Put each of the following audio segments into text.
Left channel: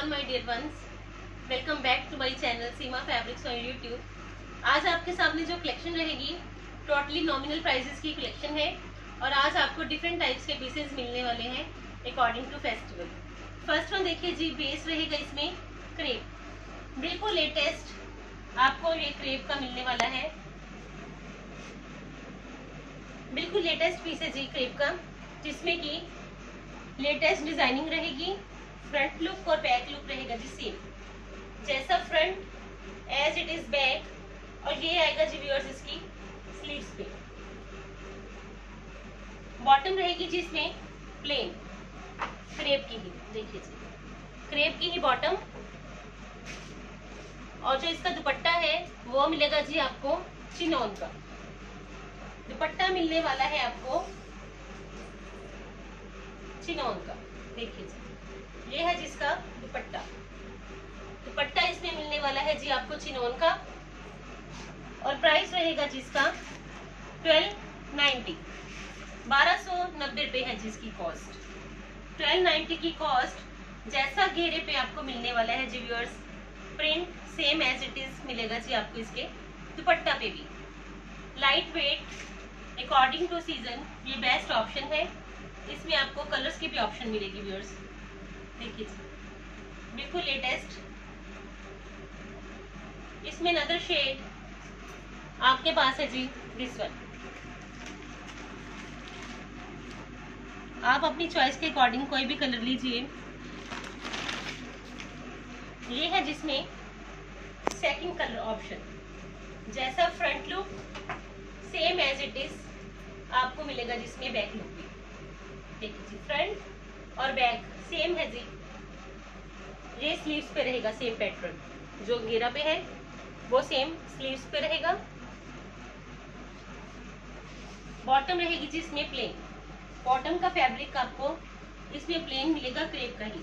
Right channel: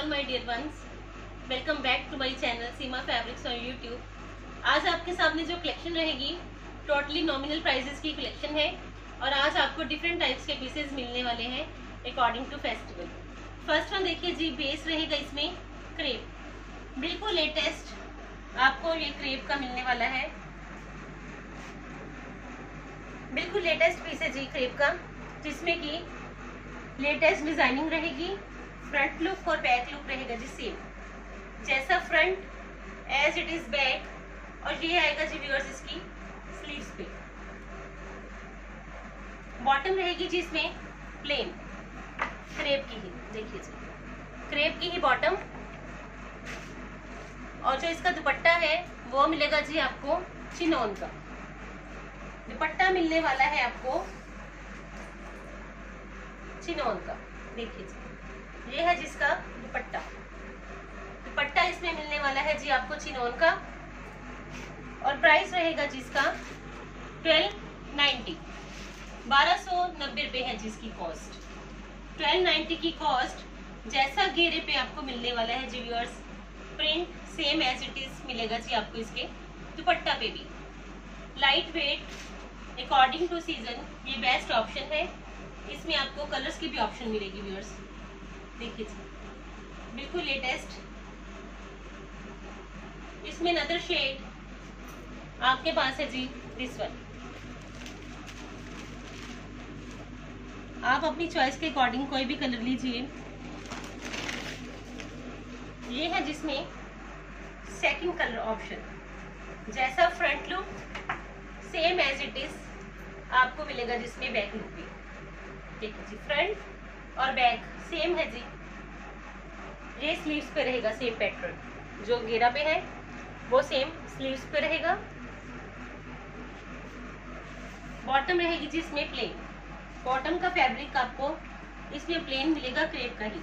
All my dear ones, welcome back to my channel Seema fabrics on YouTube. आज आपके सामने जो कलेक्शन रहेगी टोटली नॉमिनल प्राइसेस की कलेक्शन है और आज आपको डिफरेंट टाइप्स के पीसेस मिलने वाले हैं according to festival. First one देखिए जी, बेस रहेगा इसमें क्रेप, बिल्कुल लेटेस्ट आपको ये क्रेप का मिलने वाला है। बिल्कुल लेटेस्ट पीस है जी क्रेप का, जिसमें कि लेटेस्ट डिजाइनिंग रहेगी। फ्रंट लुक और बैक लुक रहेगा जी सेम, जैसा front as it is back. और ये आएगा जी व्यूअर्स इसकी स्लीव्स पे। बॉटम रहेगी जी इसमें प्लेन क्रेप की ही, देखिए जी क्रेप की ही बॉटम। और जो इसका दुपट्टा है वो मिलेगा जी आपको चिनॉन का दुपट्टा मिलने वाला है आपको, चिनॉन का। देखिए जी ये है जिसका दुपट्टा, दुपट्टा इसमें मिलने वाला है जी आपको चिनॉन का। और प्राइस रहेगा जिसका 1290, 1290 रुपए है जिसकी कॉस्ट। 1290 की कॉस्ट। जैसा घेरे पे आपको मिलने वाला है जी viewers, print same as it is मिलेगा जी आपको इसके दुपट्टा पे भी। Light weight according to season ये बेस्ट ऑप्शन है। इसमें आपको कलर्स की भी ऑप्शन मिलेगी व्यूअर्स, देखिए जी बिल्कुल लेटेस्ट। इसमें अनदर शेड आपके पास है जी दिस वन। आप अपनी चॉइस के अकॉर्डिंग कोई भी कलर लीजिए। ये है जिसमें सेकंड कलर ऑप्शन, जैसा front look same as it is आपको मिलेगा जिसमें बैक लुक भी। देखिए जी फ्रंट और बैक सेम है जी। ये स्लीव्स पे रहेगा सेम पैटर्न, जो घेरा पे है वो सेम स्लीव्स पे रहेगा। बॉटम रहेगी जी इसमें प्लेन, बॉटम का फैब्रिक आपको इसमें प्लेन मिलेगा क्रेप का ही।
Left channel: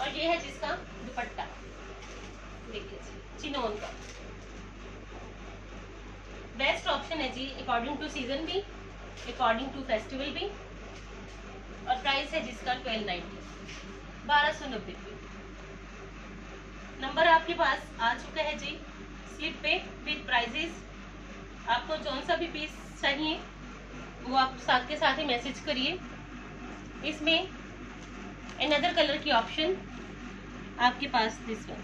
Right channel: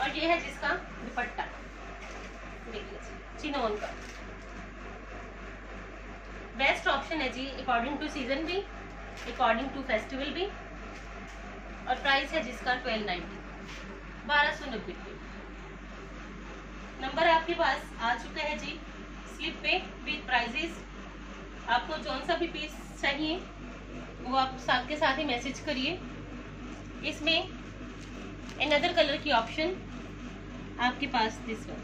और ये है जिसका दुपट्टा, देखिए जी चिनॉन का। बेस्ट ऑप्शन है जी अकॉर्डिंग टू सीजन भी, अकॉर्डिंग टू फेस्टिवल भी। और प्राइस है जिसका 1290, 1290 रुपये। नंबर आपके पास आ चुका है जी स्लिप पे विद प्राइजेस। आपको जौन सा भी पीस चाहिए वो आप साथ के साथ ही मैसेज करिए। इसमें अनदर कलर की ऑप्शन आपके पास दिस वन,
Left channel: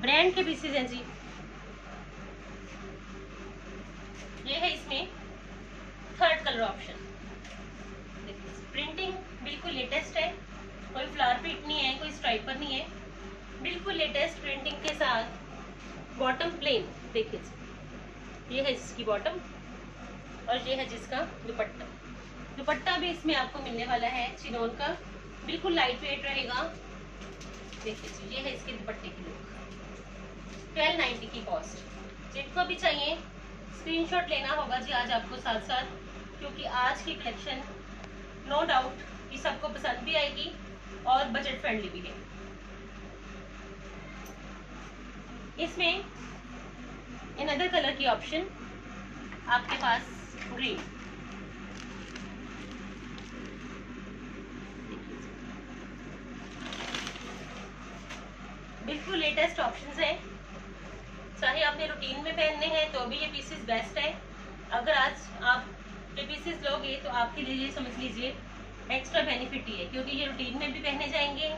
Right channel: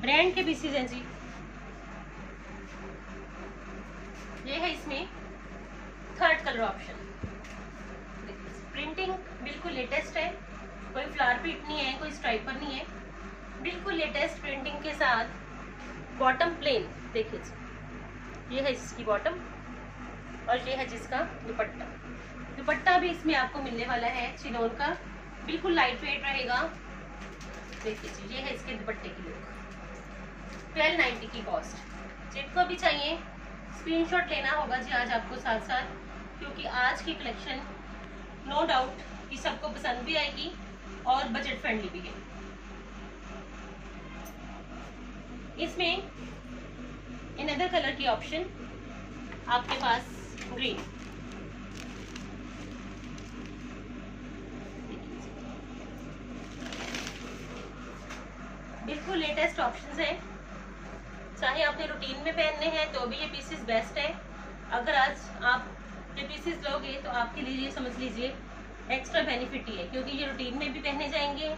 ब्रांड के पीसेज हैं जी। ये है इसमें थर्ड कलर ऑप्शन। प्रिंटिंग बिल्कुल लेटेस्ट है, कोई फ्लावर प्रिंट नहीं है, कोई स्ट्राइपर नहीं है, बिल्कुल लेटेस्ट प्रिंटिंग के साथ। बॉटम प्लेन, देखिए ये है इसकी बॉटम और ये है जिसका दुपट्टा। दुपट्टा भी इसमें आपको मिलने वाला है चिनॉन का, बिल्कुल लाइट वेट रहेगा। देखिए जी ये है इसके दुपट्टे की लुक। 1290 की कॉस्ट। जिनको भी चाहिए स्क्रीनशॉट लेना होगा जी आज आपको साथ साथ, क्योंकि आज की कलेक्शन नो डाउट कि सबको पसंद भी आएगी और बजट फ्रेंडली भी है। इसमें अनदर कलर की ऑप्शन आपके पास ग्रीन, बिल्कुल लेटेस्ट ऑप्शंस है। चाहे आपने रूटीन में पहनने हैं तो भी ये पीसेस बेस्ट है। अगर आज आप ये पीसेस लोगे तो आपके लिए ये समझ लीजिए एक्स्ट्रा बेनिफिट ही है, क्योंकि ये रूटीन में भी पहने जाएंगे।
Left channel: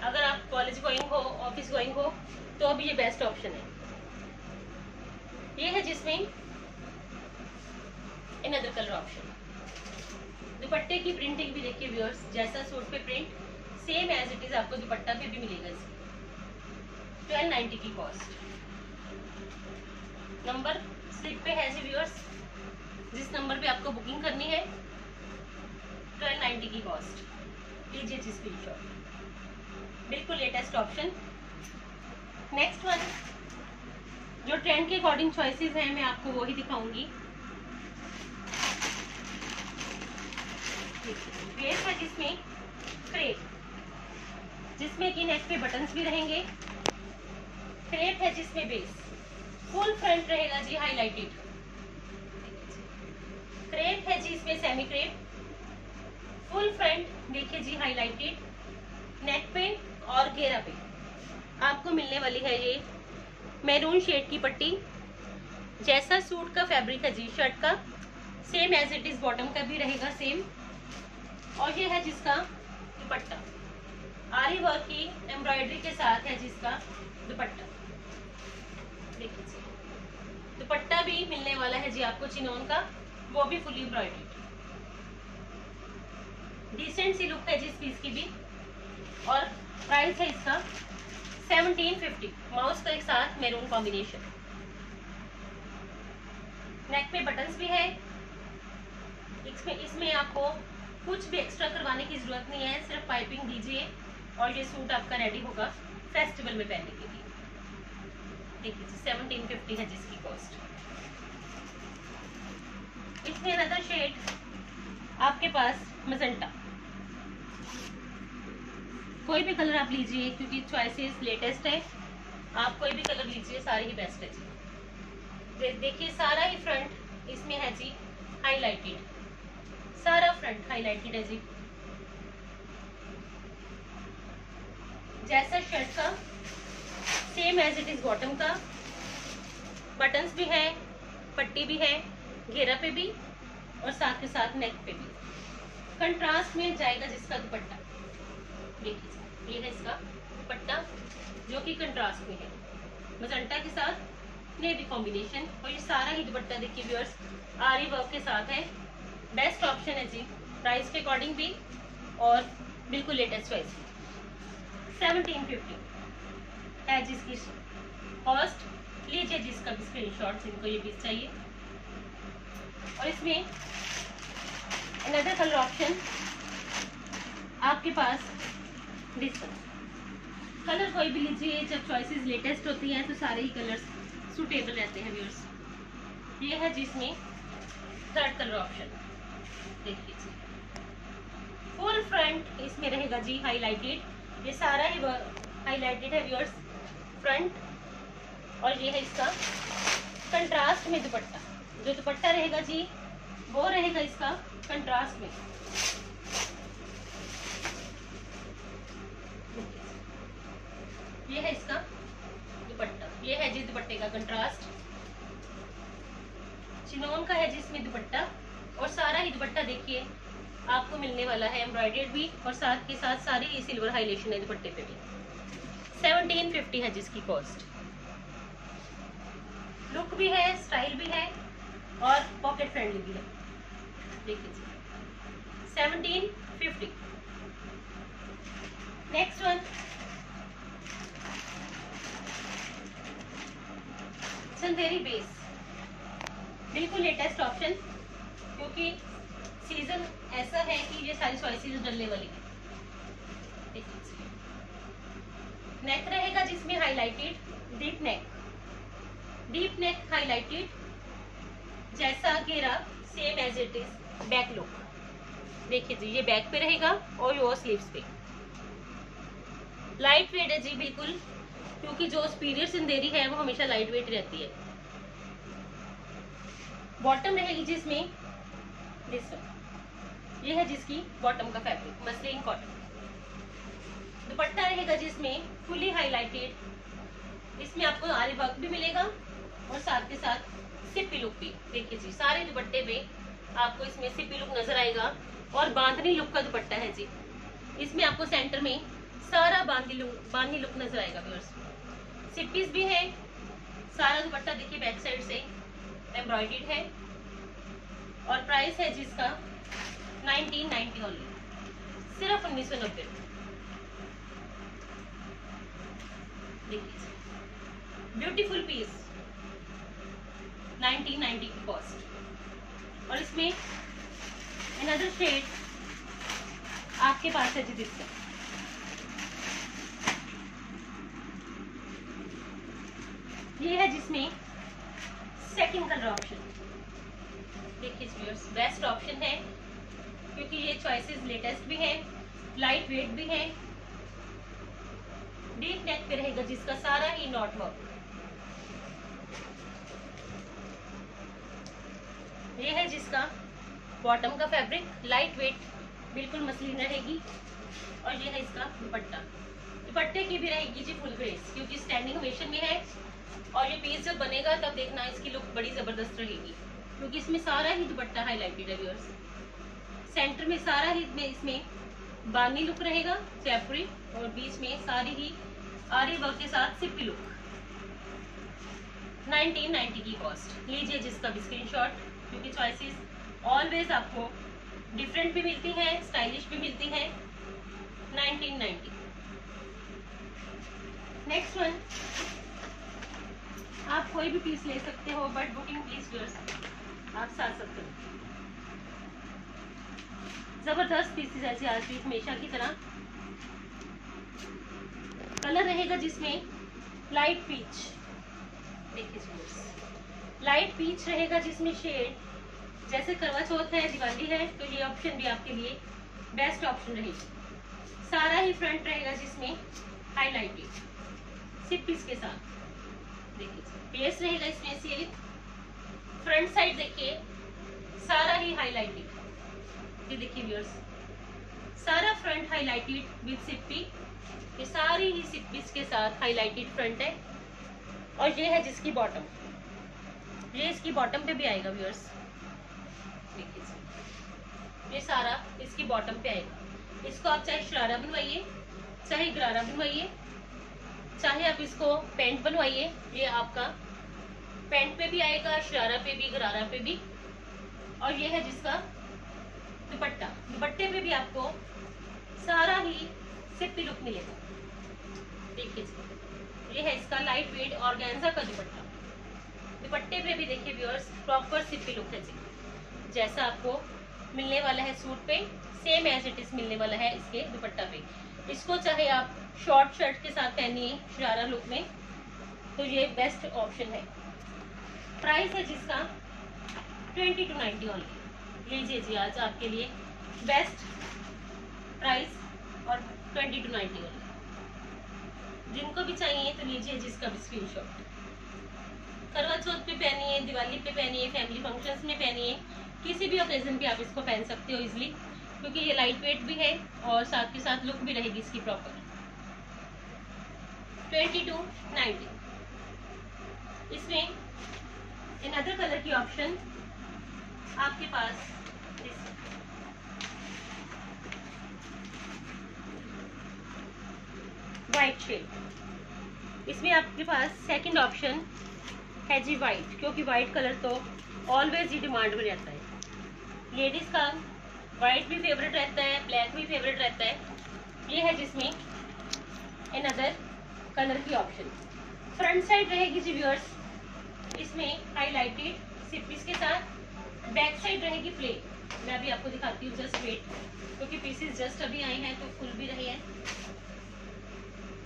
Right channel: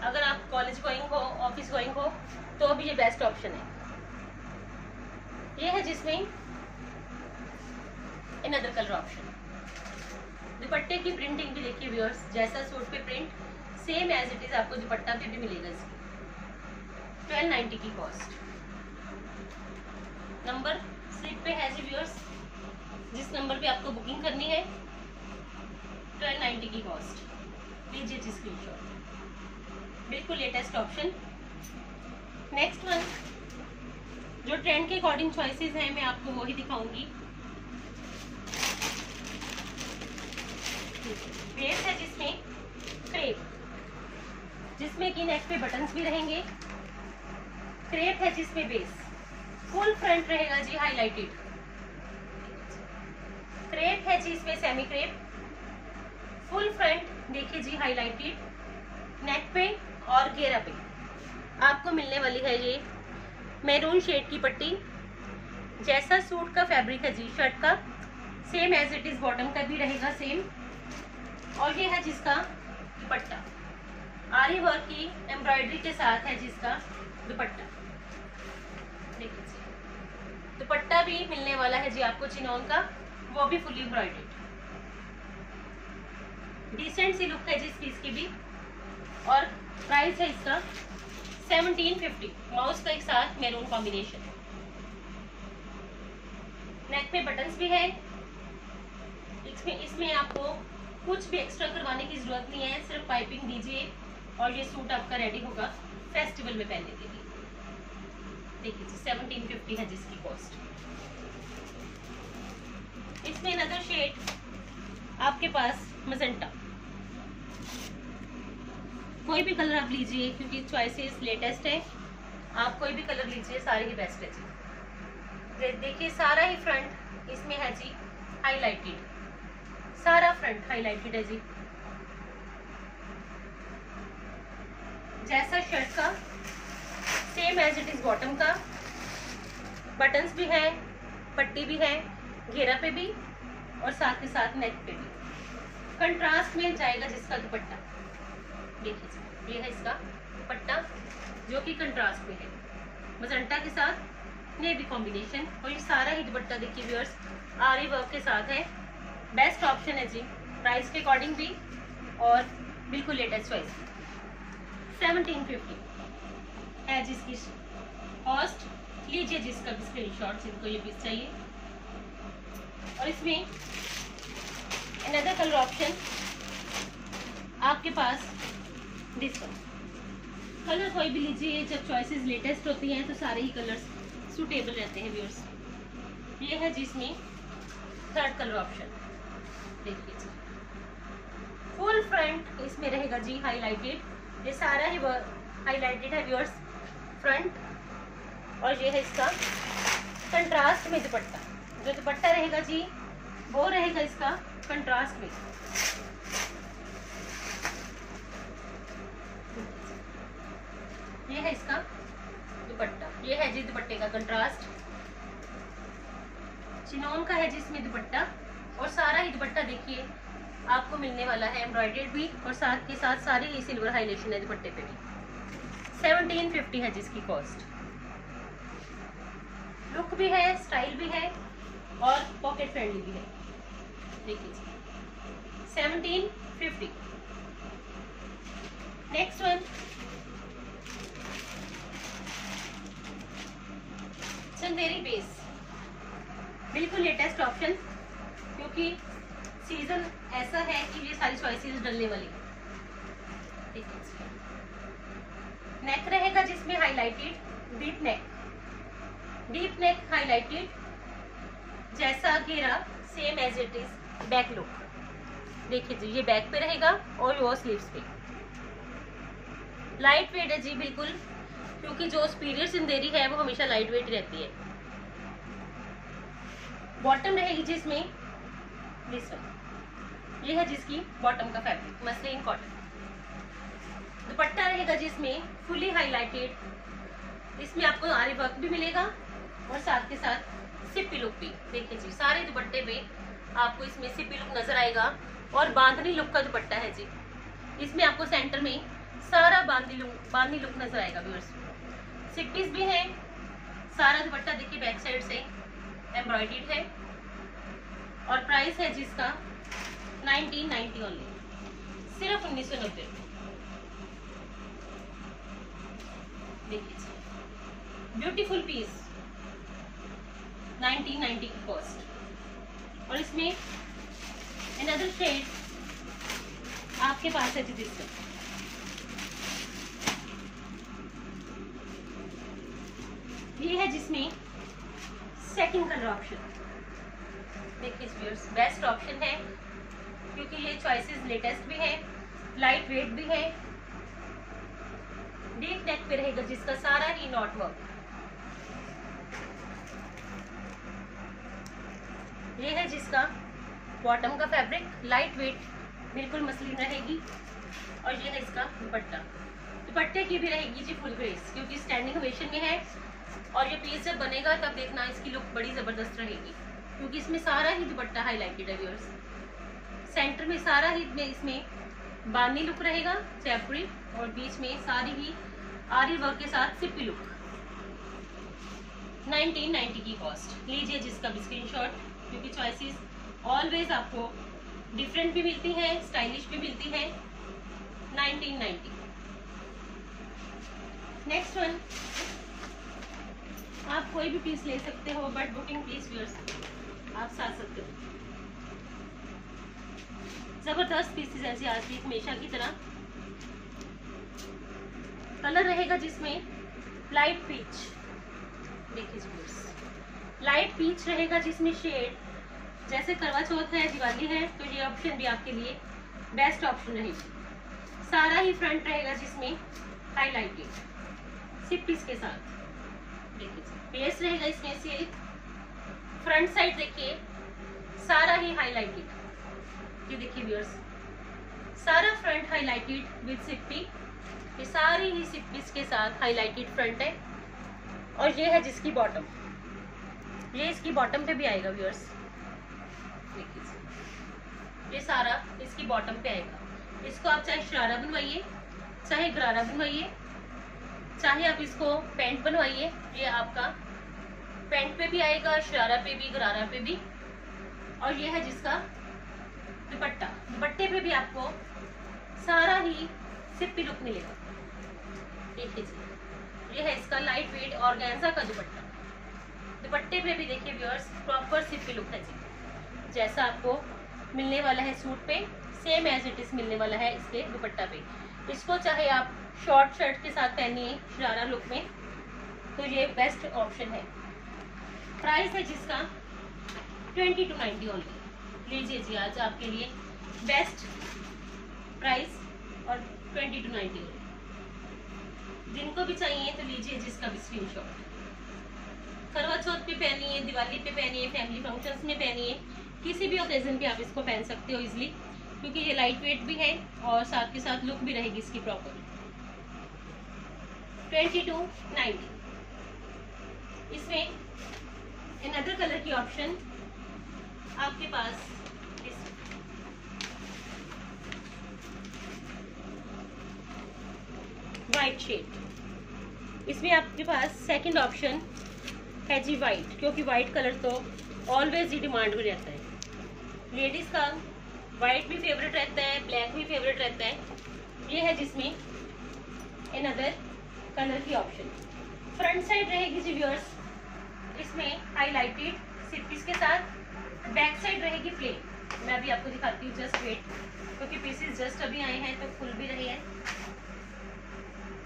अगर आप कॉलेज गोइंग हो, ऑफिस गोइंग हो, तो भी ये बेस्ट ऑप्शन है। ये है जिसमें अनदर कलर ऑप्शन। दुपट्टे की प्रिंटिंग भी देखिए व्यूअर्स, जैसा सूट पे print same as it is आपको दुपट्टा पे भी मिलेगा इसकी। 1290 की कॉस्ट। नंबर स्लिप पे है जी व्यूअर्स, जिस नंबर पे आपको बुकिंग करनी है 1290 की कॉस्ट। लीजिए जी स्क्रीनशॉट, बिल्कुल लेटेस्ट ऑप्शन। नेक्स्ट वन जो ट्रेंड के अकॉर्डिंग चॉइसेस हैं मैं आपको वो ही दिखाऊंगी। बेस है जिसमें क्रेप, जिसमें कि नेक पे बटन्स भी रहेंगे। क्रेप है जिसमें बेस फुल फ्रंट रहेगा जी हाईलाइटेड। क्रेप है जी इसमें सेमी क्रेप, फुल फ्रंट देखिए जी, हाईलाइटेड नेक पे और घेरा पे आपको मिलने वाली है ये मैरून शेड की पट्टी। जैसा सूट का फैब्रिक है जी शर्ट का, same as it is bottom का भी रहेगा सेम। और ये है जिसका दुपट्टा, आरी वर्क की एम्ब्रॉयडरी के साथ है जिसका दुपट्टा। देखिए जी, दुपट्टा भी मिलने वाला है जी आपको चिनोन का, वो भी fully embroidered. Decent see look है जी इस पीस की भी। और प्राइस है इसका 1750, माउस का एक साथ मैरून कॉम्बिनेशन। नेक पे बटन्स भी है। इसमें आपको कुछ भी एक्स्ट्रा करवाने की जरूरत नहीं है, सिर्फ पाइपिंग दीजिए और ये सूट आपका रेडी होगा फेस्टिवल में पहनने के लिए। देखिए 1750 है जिसकी कॉस्ट। इसमें अनदर शेड आपके पास मजेंटा, कोई भी कलर आप लीजिए क्योंकि चॉइसेस लेटेस्ट है, आप कोई भी कलर लीजिए, सारे ही बेस्ट है जी। देखिए सारा ही फ्रंट इसमें है जी हाईलाइटेड, सारा फ्रंट हाईलाइटेड है जी। जैसा शर्ट का same as it is bottom का, बटन्स भी है, पट्टी भी है, घेरा पे भी और साथ के साथ नेक पे भी। कंट्रास्ट में जाएगा जिसका दुपट्टा। देखिए ये है इसका दुपट्टा जो कि कंट्रास्ट में है, मजेंटा के साथ नेवी कॉम्बिनेशन। और ये सारा ही दुपट्टा देखिए व्यूअर्स आरी वर्क के साथ है। बेस्ट ऑप्शन है जी प्राइस के अकॉर्डिंग भी और बिल्कुल लेटेस्ट चॉइस। 1750 है जिसकी कॉस्ट। लीजिए जिसका भी स्क्रीनशॉट जिनको ये पीस चाहिए। और इसमें अनदर कलर ऑप्शन आपके पास दिस वन। कलर कोई भी लीजिए, जब चॉइसेस लेटेस्ट होती हैं तो सारे ही कलर्स सूटेबल रहते हैं व्यूअर्स। ये है जिसमें थर्ड कलर ऑप्शन। देखिए जी फुल फ्रंट इसमें रहेगा जी हाईलाइटेड, ये सारा ही हाईलाइटेड है व्यूअर्स फ्रंट। और ये है इसका कंट्रास्ट में दुपट्टा, जो दुपट्टा रहेगा जी वो रहेगा इसका कंट्रास्ट में। ये है इसका दुपट्टा, ये है जी दुपट्टे का कंट्रास्ट। चिनोन का है जिसमें दुपट्टा और सारा ही दुपट्टा देखिए आपको मिलने वाला है एम्ब्रॉयडर्ड भी और साथ के साथ सारी ही सिल्वर हाईलाइटेशन है दुपट्टे पे भी। 1750 है जिसकी कॉस्ट। लुक भी है, स्टाइल भी है और पॉकेट फ्रेंडली भी है। देखिए 1750। नेक्स्ट वन चंदेरी बेस, बिल्कुल लेटेस्ट ऑप्शन क्योंकि सीजन ऐसा है कि ये सारी चॉइसेस डलने वाली है। नेक रहेगा जिसमें हाईलाइटेड डीप नेक हाईलाइटेड, जैसा घेरा same as it is back look. देखिए जी ये बैक पे रहेगा और वो स्लीव्स पे। लाइट वेट है जी बिल्कुल, क्योंकि जो सुपीरियर चंदेरी है वो हमेशा लाइट वेट रहती है। बॉटम रहेगी जिसमें दिस वन, ये है जिसकी बॉटम का फैब्रिक मसलिन कॉटन। दुपट्टा रहेगा जिसमें फुली हाईलाइटेड, इसमें आपको आरी वर्क भी मिलेगा और साथ के साथ सिप्पी लुक भी। देखिए जी सारे दुपट्टे पे आपको इसमें सिप्पी लुक नजर आएगा और बांधनी लुक का दुपट्टा है जी। इसमें आपको सेंटर में सारा बांधनी लुक नजर आएगा व्यूअर्स। सिप्पीज भी है, सारा दुपट्टा देखिए बैक साइड से एम्ब्रॉयडर्ड है। और प्राइस है जिसका 1990 ओनली, सिर्फ 1990। देखिए ब्यूटीफुल पीस 1990 की कॉस्ट। और इसमें अनदर शेड आपके पास है जी दिस। ये है जिसमें सेकंड कलर ऑप्शन। देखिए व्यूअर्स बेस्ट ऑप्शन है क्योंकि ये चॉइसेस लेटेस्ट भी है, लाइट वेट भी है। डीप नेक पे रहेगा जिसका सारा ही नॉट वर्क। ये है जिसका बॉटम का फैब्रिक, लाइट वेट बिल्कुल मसलिन रहेगी। और ये है इसका दुपट्टा। दुपट्टे की भी रहेगी जी फुल ग्रेस, क्योंकि स्टैंडिंग ओवेशन में है। और ये पीस जब बनेगा तब देखना इसकी लुक बड़ी जबरदस्त रहेगी, क्योंकि इसमें सारा ही दुपट्टा हाईलाइटेड है व्यूअर्स। सेंटर में सारा ही इसमें बानी लुक रहेगा जयपुरी, और बीच में सारी ही आरी वर्क के साथ सिप्पी लुक। 1990 की कॉस्ट। लीजिए जिसका भी स्क्रीनशॉट, क्योंकि चॉइसेस ऑलवेज आपको डिफरेंट भी मिलती हैं, स्टाइलिश भी मिलती हैं। 1990। नेक्स्ट वन, आप कोई भी पीस ले सकते हो, बट बुकिंग प्लीज व्यूअर्स आप साथ सकते हो। जबरदस्त पीसेस ऐसे आज भी हमेशा की तरह। कलर रहेगा जिसमें लाइट पीच, देखिए लाइट पीच रहेगा, जिसमें शेड जैसे करवा चौथ है, दिवाली है, तो ये ऑप्शन भी आपके लिए बेस्ट ऑप्शन रहेगी। सारा ही फ्रंट रहेगा जिसमें हाईलाइटेड सिप पीस के साथ। देखिए बेस रहेगा इसमें से, फ्रंट साइड देखिए सारा ही हाईलाइटेड। ये देखिए व्यूअर्स, सारा फ्रंट हाईलाइटेड विद सिप्पी। ये सारी ही सिप्पीस के साथ हाईलाइटेड फ्रंट है। और ये है जिसकी बॉटम, ये इसकी बॉटम पे भी आएगा व्यूअर्स। देखिए ये सारा इसकी बॉटम पे आएगा। इसको आप चाहे शरारा बनवाइए, चाहे गरारा बनवाइए, चाहे आप इसको पैंट बनवाइए, ये आपका पैंट पे भी आएगा, शरारा पे भी, गरारा पे भी। और ये है जिसका दुपट्टा। दुपट्टे पे भी आपको सारा ही सिप्पी लुक मिलेगा। देखिए ये है इसका लाइट वेट ऑर्गेन्जा का दुपट्टा। दुपट्टे पे भी देखिए व्यूअर्स प्रॉपर सिप्पी लुक है जी, जैसा आपको मिलने वाला है सूट पे, सेम एज इट इज मिलने वाला है इसके दुपट्टा पे। इसको चाहे आप शॉर्ट शर्ट के साथ पहनिए शरारा लुक में, तो ये बेस्ट ऑप्शन है। प्राइस है जिसका 2290 ओनली। लीजिए जी आज आपके लिए बेस्ट प्राइस और 2290 ओनली। जिनको भी चाहिए तो लीजिए जिसका भी स्क्रीनशॉट। करवा चौथ पे पहनिए, दिवाली पे पहनिए, फैमिली फंक्शंस में पहनिए, किसी भी ओकेजन पे आप इसको पहन सकते हो इजिली, क्योंकि ये लाइट वेट भी है और साथ के साथ लुक भी रहेगी इसकी प्रॉपर। 2290। इसमें अनदर कलर की ऑप्शन आपके पास वाइट शेड। इसमें आपके पास सेकंड ऑप्शन है जी वाइट, क्योंकि वाइट कलर तो ऑलवेज ही डिमांड में रहता है। लेडीज का वाइट भी फेवरेट रहता है, ब्लैक भी फेवरेट रहता है। ये है जिसमें अनदर कलर की ऑप्शन। फ्रंट साइड रहेगी जी व्यूअर्स इसमें हाईलाइटेड सिप्पीस के साथ, बैक साइड रहेगी प्लेन। मैं अभी आपको दिखाती हूँ, जस्ट वेट, क्योंकि पीसेस जस्ट अभी आए हैं तो फुल भी रही है।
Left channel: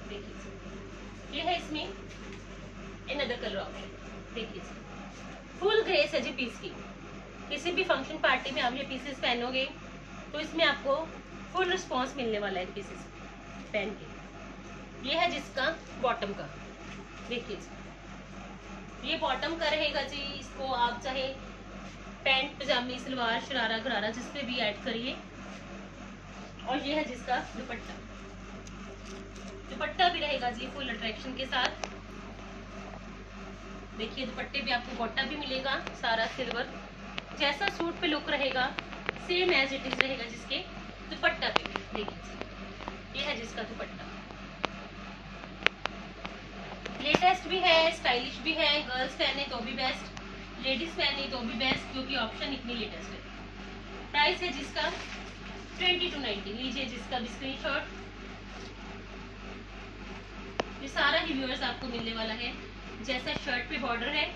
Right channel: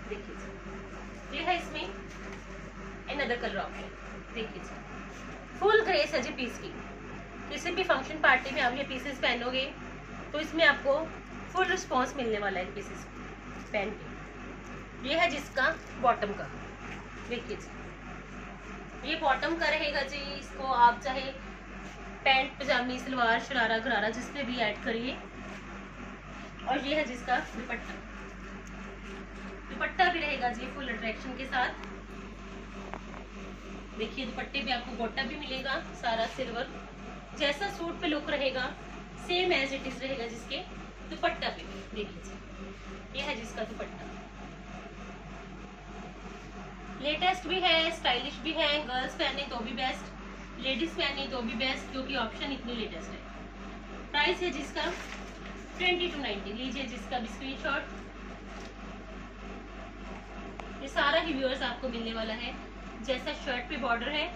देखिए ये है इसमें अनदर कलर ऑप्शन। देखिए फुल ग्रेस है जी पीस की। किसी भी फंक्शन पार्टी में आप ये पीसेस पहनोगे तो इसमें आपको फुल रिस्पॉन्स मिलने वाला है पीसेस पहन के। ये है जिसका बॉटम का, देखिए ये बॉटम का रहेगा जी। इसको आप चाहे पैंट, पजामी, सलवार, शरारा, गरारा जिस पे भी ऐड करिए। और ये है जिसका दुपट्टा। दुपट्टा भी रहेगा जी फुल अट्रैक्शन के साथ। देखिए दुपट्टे पे आपको गोटा भी मिलेगा, सारा सिल्वर, जैसा सूट पे लुक रहेगा सेम एज इट इज रहेगा जिसके दुपट्टा पे भी। देखिए ये है जिसका दुपट्टा। लेटेस्ट भी है, स्टाइलिश भी है, गर्ल्स पहने तो भी बेस्ट, लेडीज पहने तो भी बेस्ट, क्योंकि ऑप्शन इतनी लेटेस्ट है। प्राइस है जिसका 2290। लीजिए जिसका भी स्क्रीनशॉट। ये सारा ही व्यूअर्स आपको मिलने वाला है, जैसा शर्ट पे बॉर्डर है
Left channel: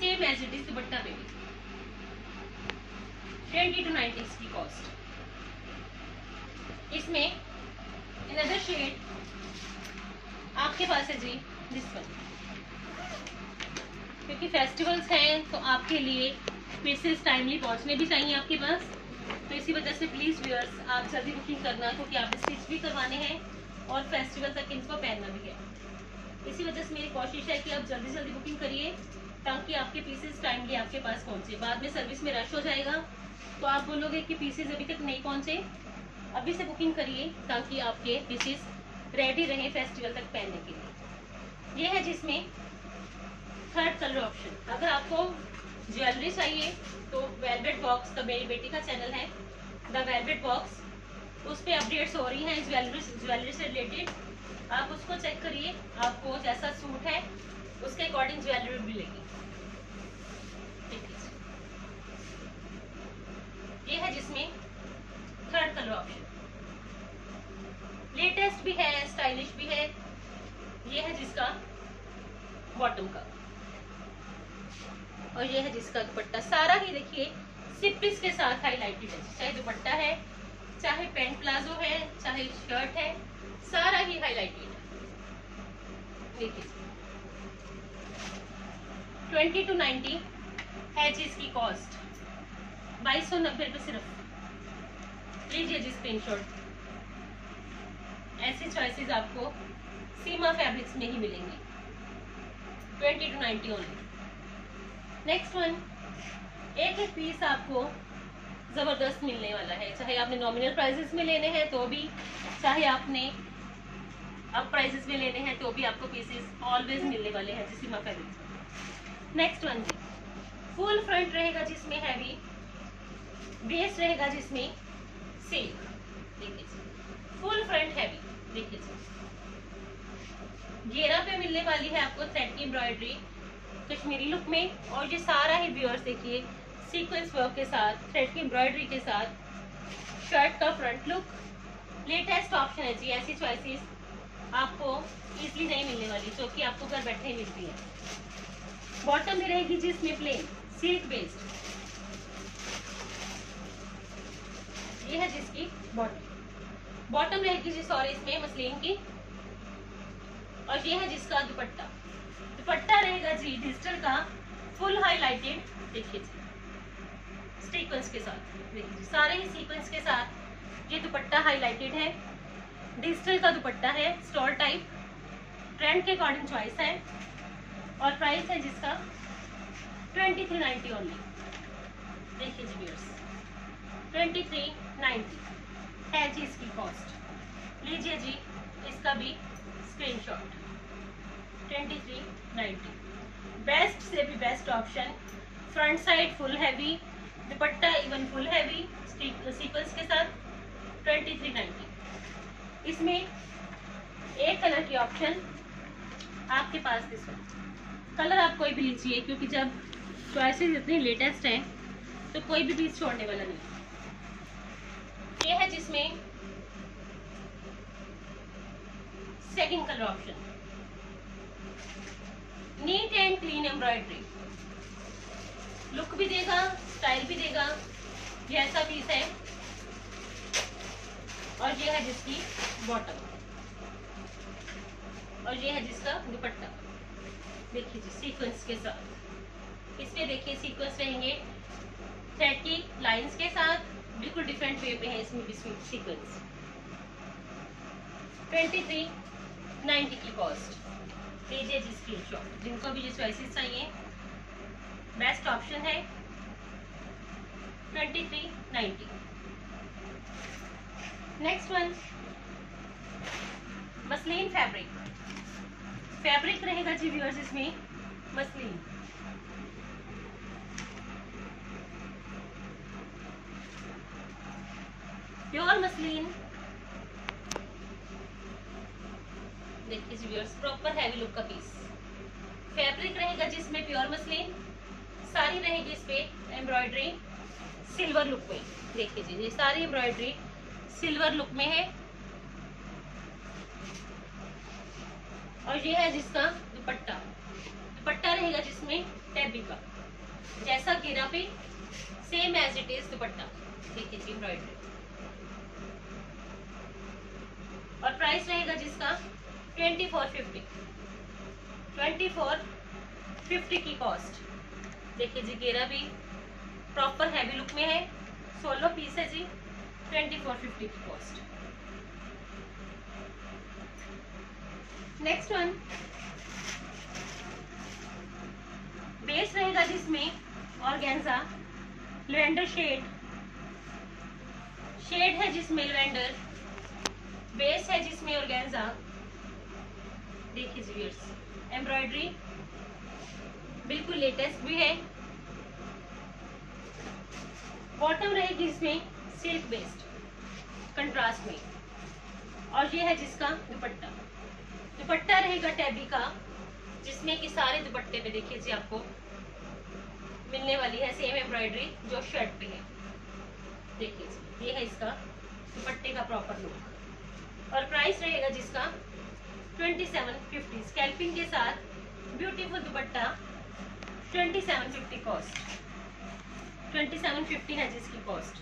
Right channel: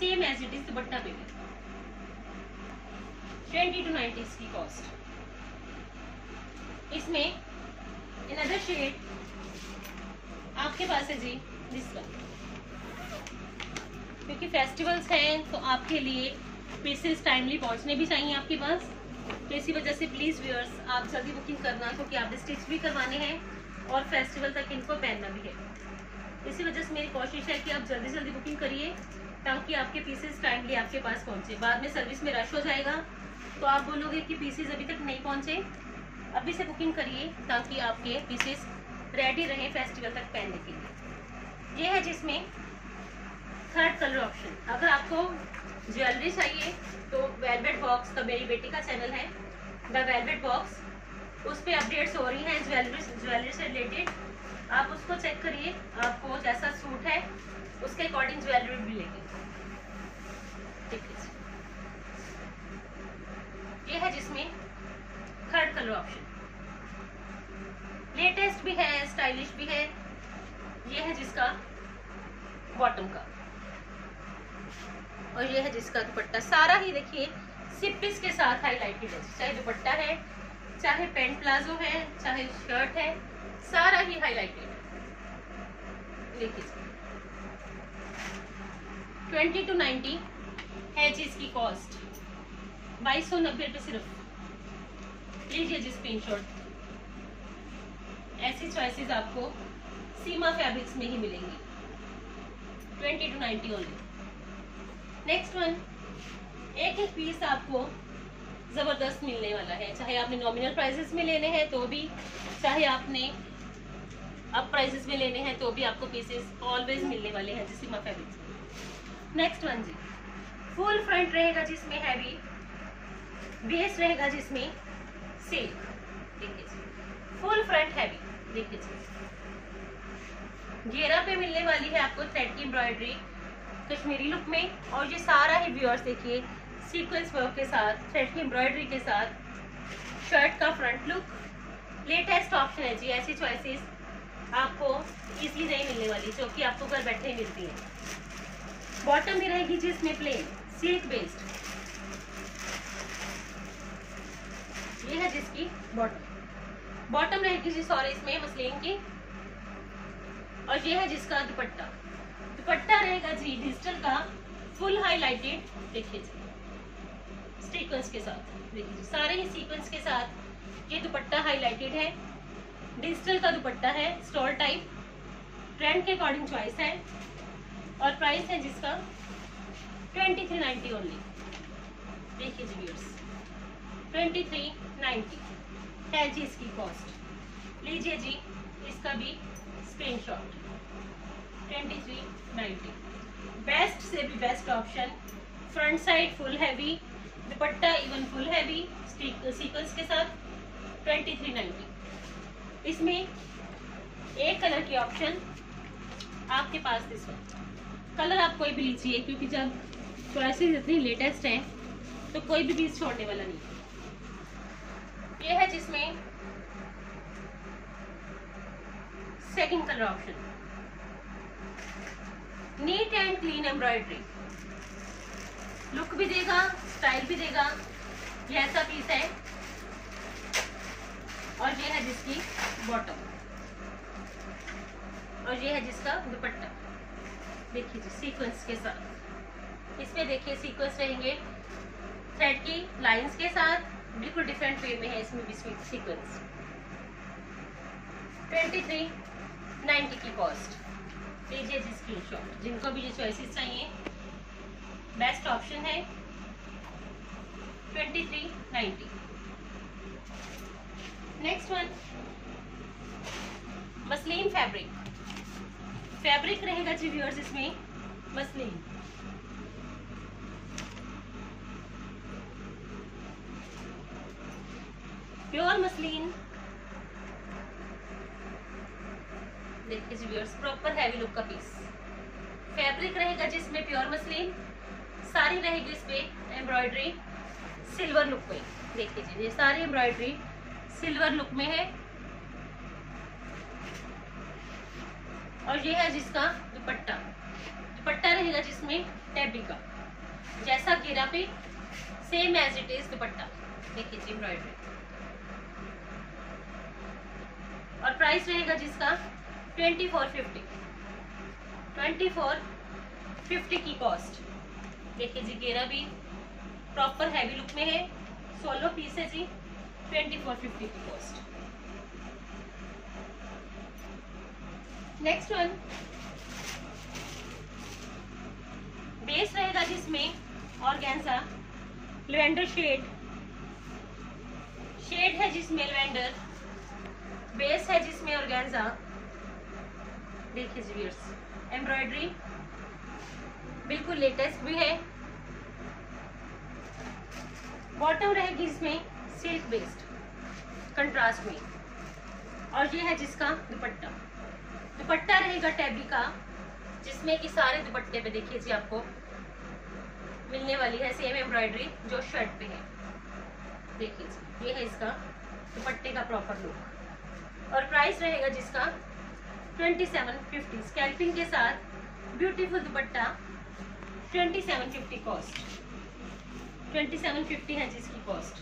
same as it is dupatta पे भी। 2290 इसकी कॉस्ट। इसमें अनदर शेड आपके पास है जी दिस वन, क्योंकि फेस्टिवल्स हैं तो आपके लिए पीसेस टाइमली पहुंचने भी चाहिए आपके पास। तो इसी वजह से प्लीज व्यूअर्स आप जल्दी बुकिंग करना, क्योंकि आप स्टिच भी करवाने हैं और फेस्टिवल तक इनको पहनना भी है। इसी वजह से मेरी कोशिश है कि आप जल्दी जल्दी बुकिंग करिए, ताकि आपके पीसेस टाइमली आपके पास पहुंचे। बाद में सर्विस में रश हो जाएगा तो आप बोलोगे कि पीसेस अभी तक नहीं पहुंचे, अभी से बुकिंग करिए ताकि आपके पीसेस रेडी रहे फेस्टिवल तक पहनने के लिए। ये है जिसमें थर्ड कलर ऑप्शन। अगर आपको ज्वेलरी चाहिए तो वेलवेट बॉक्स, तो मेरी बेटी का चैनल है द वेलवेट बॉक्स, उस पर अपडेट्स हो रही हैं ज्वेलरी से रिलेटेड। आप उसको चेक करिए, आपको जैसा सूट है उसके अकॉर्डिंग ज्वेलरी मिलेगी। ठीक है, ये है जिसमें थर्ड कलर ऑप्शन, लेटेस्ट भी है, स्टाइलिश भी है। ये है जिसका बॉटम का, और ये है जिसका दुपट्टा। सारा ही देखिए सिप्पिस के साथ हाईलाइटेड है, चाहे दुपट्टा है, चाहे पैंट प्लाजो है, चाहे शर्ट है, सारा ही हाईलाइटेड है। देखिए 20 to 90 है जी इसकी कॉस्ट, 2290 रुपये सिर्फ। लीजिए जी स्क्रीनशॉट। ऐसी चॉइसेस आपको सीमा फैब्रिक्स में ही मिलेंगी, 20 to 90 ओनली। नेक्स्ट वन, एक पीस आपको जबरदस्त मिलने वाला है, चाहे आपने नॉमिनल प्राइसेस में लेने हैं तो भी, चाहे आपने अब प्राइसेस में लेने हैं तो भी आपको पीसेस ऑलवेज मिलने वाले हैं सीमा फैब्रिक्स में। नेक्स्ट वन जी, फुल फ्रंट रहेगा जिसमें हैवी, बेस रहेगा जिसमें सिल्क। देखिए फुल फ्रंट हैवी, देखिए घेरा पे मिलने वाली है आपको थ्रेड की एम्ब्रॉयडरी कश्मीरी लुक में, और ये सारा ही व्यूअर्स देखिए सीक्वेंस वर्क के साथ, थ्रेड की एम्ब्रॉयडरी के साथ, शर्ट का फ्रंट लुक। लेटेस्ट ऑप्शन है जी, ऐसी चॉइसेस आपको इजीली नहीं मिलने वाली जो कि आपको घर बैठे ही मिलती है। बॉटम में रहेगी जिसमें प्लेन सिल्क बेस्ड, ये है जिसकी बॉटम रहेगी जी, सॉरी इसमें मसलिन की, और ये है जिसका दुपट्टा। दुपट्टा रहेगा जी डिजिटल का, फुल हाईलाइटेड, देखिए जी सीक्वेंस के साथ, देखिए सारे ही सीक्वेंस के साथ ये दुपट्टा हाईलाइटेड है। डिजिटल का दुपट्टा है, स्टॉल टाइप, ट्रेंड के अकॉर्डिंग चॉइस है, और प्राइस है जिसका 2390 ओनली। देखिए जी व्यूअर्स 2390 है जी इसकी कॉस्ट। लीजिए जी इसका भी स्क्रीनशॉट, 2390। बेस्ट से भी best option, front side full heavy, दुपट्टा इवन फुल हैवी सीक्वेंस के साथ, 2390। इसमें एक कलर की ऑप्शन आपके पास, दिस कलर आप कोई भी लीजिए, क्योंकि जब चॉइसेस इतनी लेटेस्ट हैं तो कोई भी पीस छोड़ने वाला नहीं। ये है जिसमें second colour option, neat and clean embroidery, look भी देगा, स्टाइल भी देगा, ये ऐसा पीस है। और ये है जिसकी बॉटम, और ये है जिसका दुपट्टा। देखिए जी सीक्वेंस के साथ, इसमें देखिए सीक्वेंस रहेंगे थ्रेड की लाइंस के साथ, बिल्कुल डिफरेंट वे में है इसमें भी सीक्वेंस। 2390 की कॉस्ट। लीजिए जी स्क्रीनशॉट, जिनको भी ये चॉइसेस चाहिए बेस्ट ऑप्शन है 2390। नेक्स्ट वन, मसलिन फैब्रिक रहेगा जी व्यूअर्स इसमें मसलिन, प्योर मसलिन। देखिए जी व्यूअर्स प्रॉपर हैवी लुक का पीस, फैब्रिक रहेगा जिसमें प्योर मसलिन, सारी रहेगी इस पे एम्ब्रॉयडरी सिल्वर लुक में। देखिए जी ये सारी एम्ब्रॉयडरी सिल्वर लुक में है, और ये है जिसका दुपट्टा रहेगा जिसमें टेबी का, जैसा घेरा पे same as it is dupatta. देखिए जी एम्ब्रॉयडरी, और प्राइस रहेगा जिसका 2450 की कॉस्ट। देखिए जी घेरा भी प्रॉपर हैवी लुक में है, 16 पीस है जी, 2450 की कॉस्ट। नेक्स्ट वन, बेस रहेगा जिसमें ऑर्गेन्जा, लेवेंडर शेड, शेड है जिसमें लेवेंडर, बेस है जिसमें ऑर्गेन्जा। देखिए जी व्यूअर्स, एम्ब्रॉयडरी बिल्कुल लेटेस्ट भी है। बॉटम रहेगी इसमें सिल्क बेस्ड कंट्रास्ट में, और ये है जिसका दुपट्टा। दुपट्टा रहेगा टैबी का, जिसमें कि सारे दुपट्टे पे देखिए जी आपको मिलने वाली है सेम एम्ब्रॉयडरी जो शर्ट पे है। देखिए जी, ये है इसका दुपट्टे का प्रॉपर लुक, और प्राइस रहेगा जिसका 2750 स्कैल्पिंग के साथ ब्यूटीफुल दुपट्टा 2750 कॉस्ट। 2750 है जिसकी कॉस्ट।